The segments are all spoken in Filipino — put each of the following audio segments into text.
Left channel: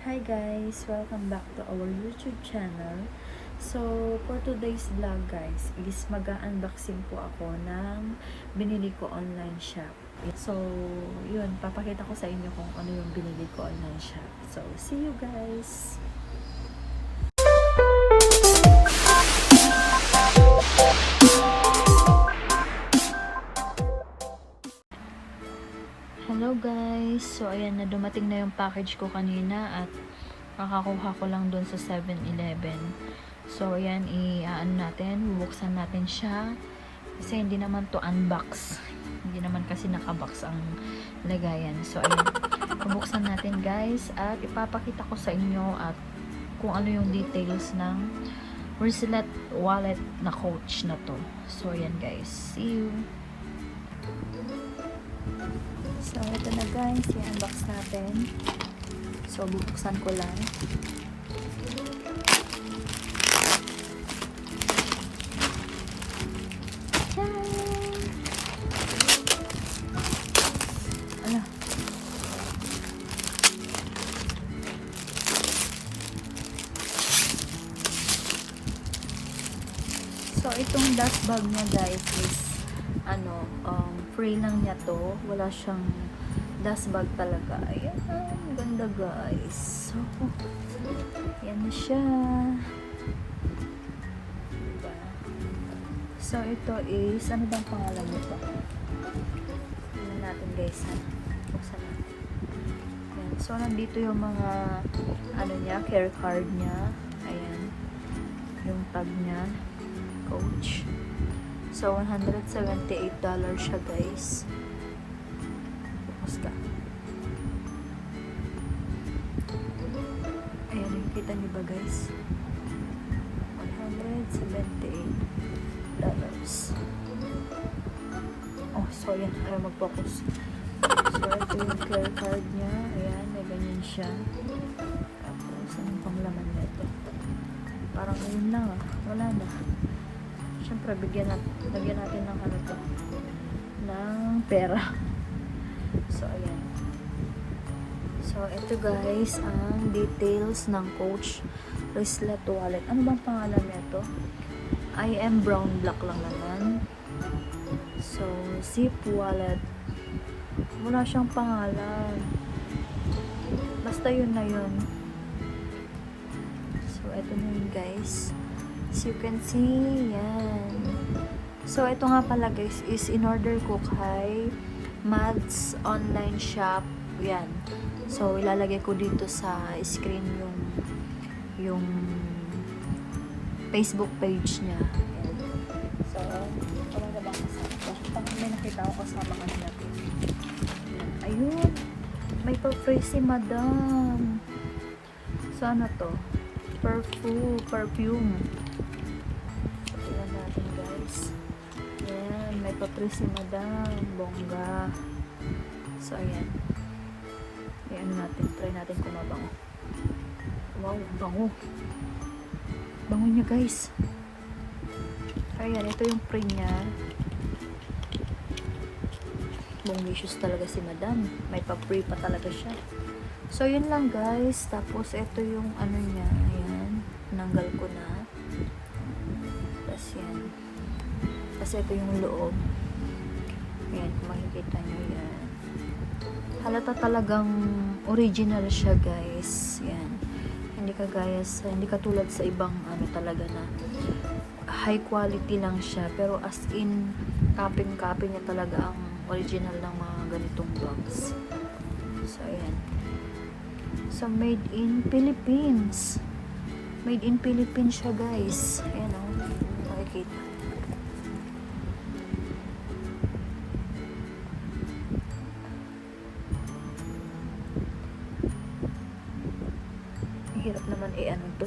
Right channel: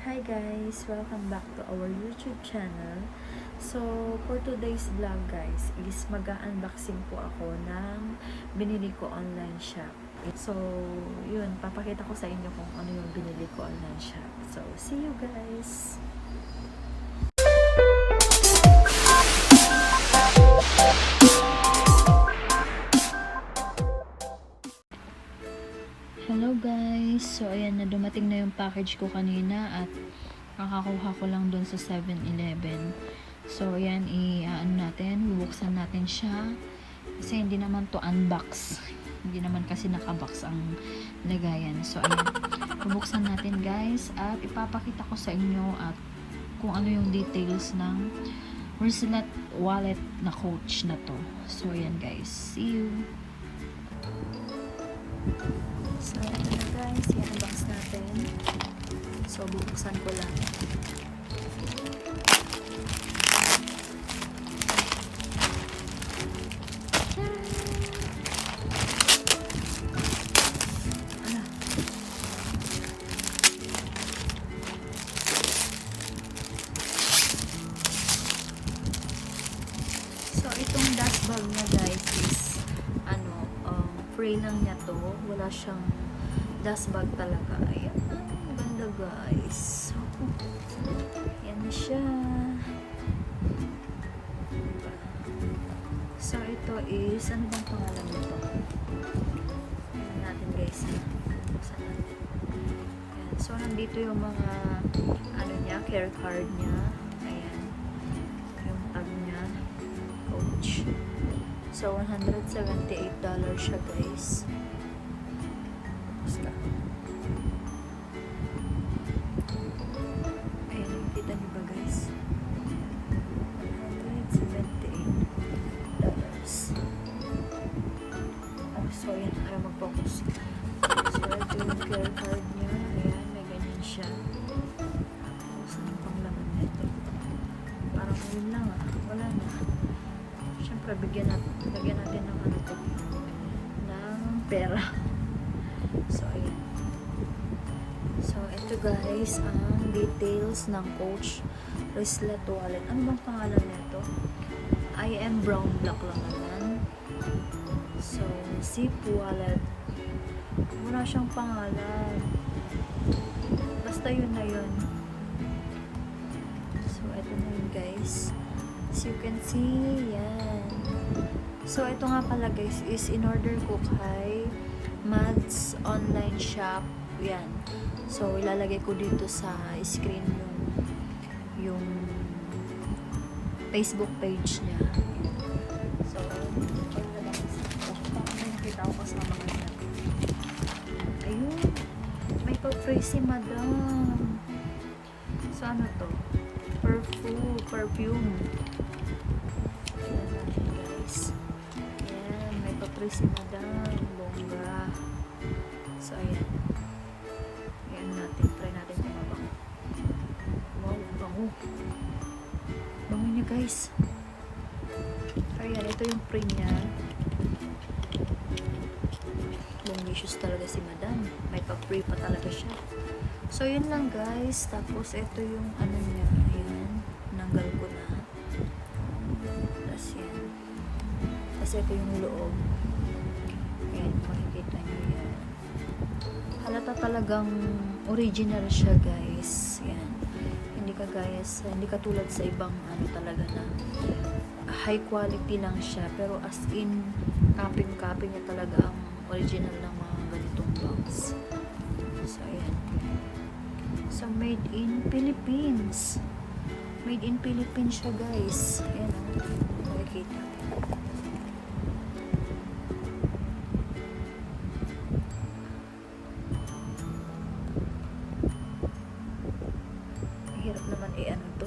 Hi guys! Welcome back to our YouTube channel. So, for today's vlog guys, is mag-unboxing po ako ng binili ko online shop. So, yun, papakita ko sa inyo kung ano yung binili ko online shop. So, see you guys! Hello guys! So ayan na, dumating na yung package ko kanina at makakuha ko lang dun sa 7-Eleven. So ayan, bubuksan natin siya kasi hindi naman to unbox. Hindi naman kasi nakabox ang lagayan. So ayan, bubuksan natin guys at ipapakita ko sa inyo at kung ano yung details ng wrislet wallet na Coach na to. So ayan guys, see you! So, ito na guys, yung unbox natin. So, bubuksan ko lang. Ala. So, itong dust bag niya guys is free lang niya to. Wala siyang dust bag talaga. Ayan, ganda guys. So, yan siya. Diba? So, ito is, ano bang pangalan nito? Ano natin guys, ha? Buksan natin. Ayan. So, nandito yung mga, care card niya. Ayan. Yung tag niya. Coach. So, $178 siya guys. Basta. Ayan, nakita niyo ba guys? $178. Oh, so ayan. Ayaw mag-focus. So, ito yung credit card niya. Ayan, may ganyan siya. Tapos, ano pang laman nito? Parang yun lang ah. Wala na. Siyempre, lagyan natin ng ng pera. So, ayan. So, ito guys, ang details ng Coach wrislet wallet. Ano bang pangalan nito? I am brown black lang naman. So, zip wallet. Wala siyang pangalan. Basta yun na yun. So, ito na yun guys. As you can see, yan. So, ito nga pala guys, is in-order ko kay Mads online shop. Yan. So, ilalagay ko dito sa screen yung Facebook page niya. So, ano na bang kasama? Ano nakita ko kasama kanina? Ayun. May pa-free si Madam. So, ano to? Perfume. Tignan natin guys. Ayan, may pa-free si Madam. Bongga. So, ayan. Ayan natin. Try natin kung mabango. Wow, bango. Bango niya guys. Ayan, ito yung free niya. Bonglicious talaga si Madam. May pa-free pa talaga siya. So, yun lang guys. Tapos, ito yung niya. Ayan. Nanggal ko na. Tapos, yan. Tapos, ito yung loob. Ayan. Makikita nyo yan. Halata talagang original siya guys. Yan. Hindi katulad sa ibang talaga na high quality lang siya. Pero as in, copy na talaga ang original ng mga ganitong box. So, ayan. So, made in Philippines. Made in Philippines siya guys. Ayan o. Makikita. Hirap naman to.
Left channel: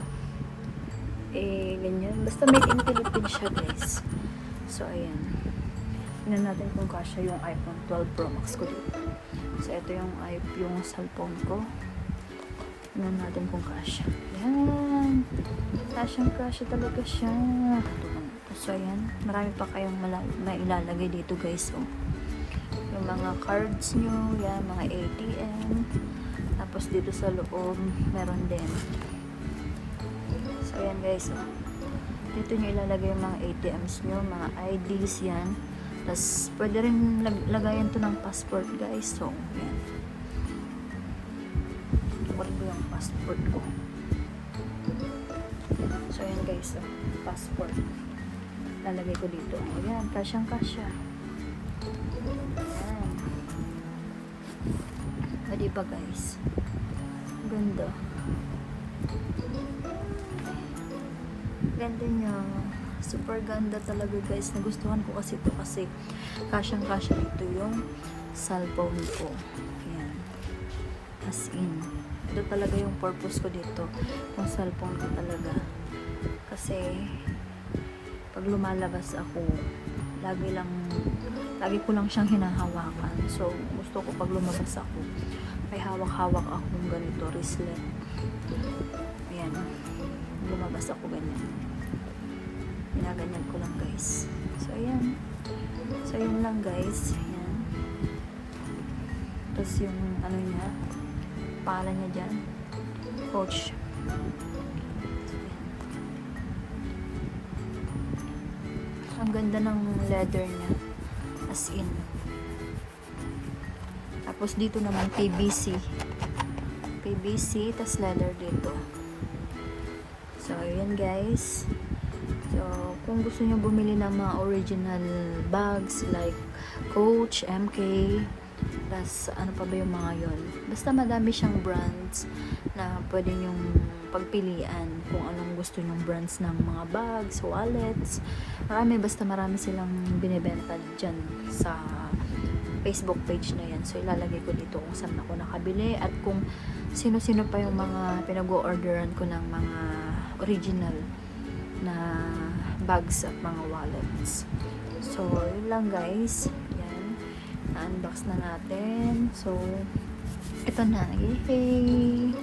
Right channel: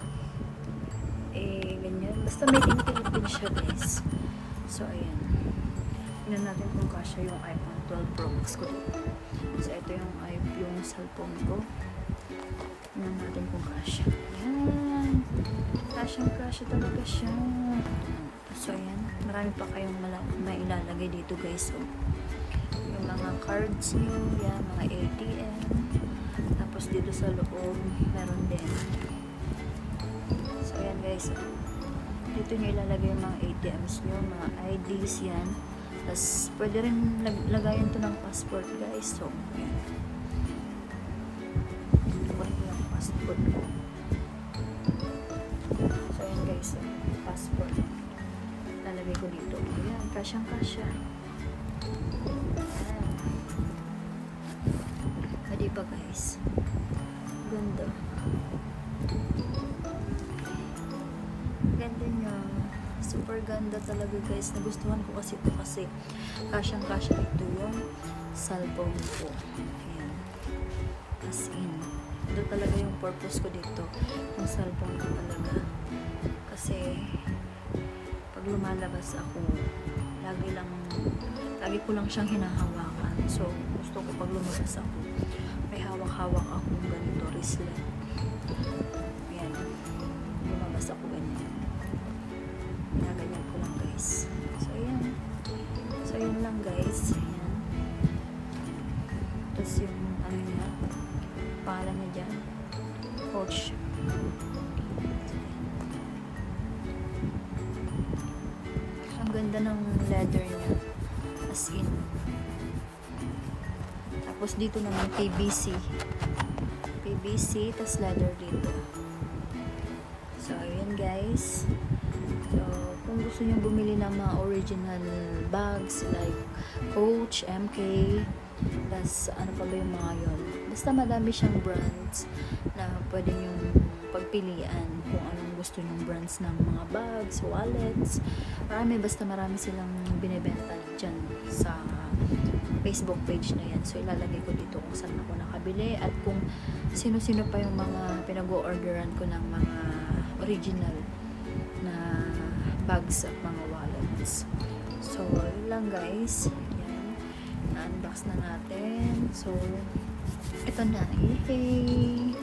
Ganyan. Basta made in Philippines siya guys. So, ayan. Tingnan natin kung kasya yung iPhone 12 Pro Max ko dito. So, ito yung cellphone ko. Tingnan natin kung kasya. Ayan. Kasya talaga siya. So, ayan. Marami pa kayong mailalagay dito guys. So, yung mga cards nyo, yan, mga ATM. Tapos dito sa loob, meron din. So yan guys, dito nyo ilalagay yung mga ATMs nyo, mga IDs yan. Tapos pwede rin lagayan to ng passport guys. So yan. Kunin ko yung passport ko. So yan guys, passport. Lalagay ko dito. Ayan, kasyang kasya. O diba guys? Ganda. Ganda niya. Super ganda talaga guys. Nagustuhan ko kasi ito kasi kasyang kasya ito yung cellphone ko. Ayan. As in. Ito talaga yung purpose ko dito. Yung cellphone ko talaga. Kasi pag lumalabas ako, lagi ko lang siyang hinahawakan. So, gusto ko pag lumabas ako, may hawak-hawak akong ganito, wrislet. Ayan. Lumabas ako ganyan. Ginaganyan ko lang guys. So, ayan. So, ayan lang guys. Ayan. Tapos yung ano niya, pangalan niya dyan, Coach. Ang ganda ng leather niya. As in. Tapos dito naman PVC. PVC, tas leather dito. So, yun guys. So, kung gusto nyo bumili ng mga original bags like Coach, MK, plus ano pa ba yung mga yun. Basta madami siyang brands na pwede nyong pagpilian kung anong gusto nyong brands ng mga bags, wallets. Marami silang binibenta dyan sa Facebook page na yan. So, ilalagay ko dito kung saan ako nakabili at kung sino-sino pa yung mga pinag-o-orderan ko ng mga original na bags at mga wallets. So, yun lang guys. Yan. Na-unbox na natin. So, ito na. Yay!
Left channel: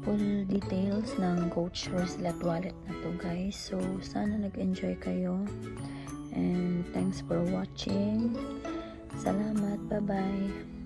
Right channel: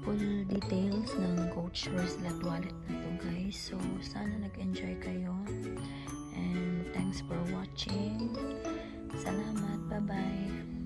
Full details ng Coach wrislet wallet na to guys. So, sana nag-enjoy kayo. And thanks for watching. Salamat. Bye-bye.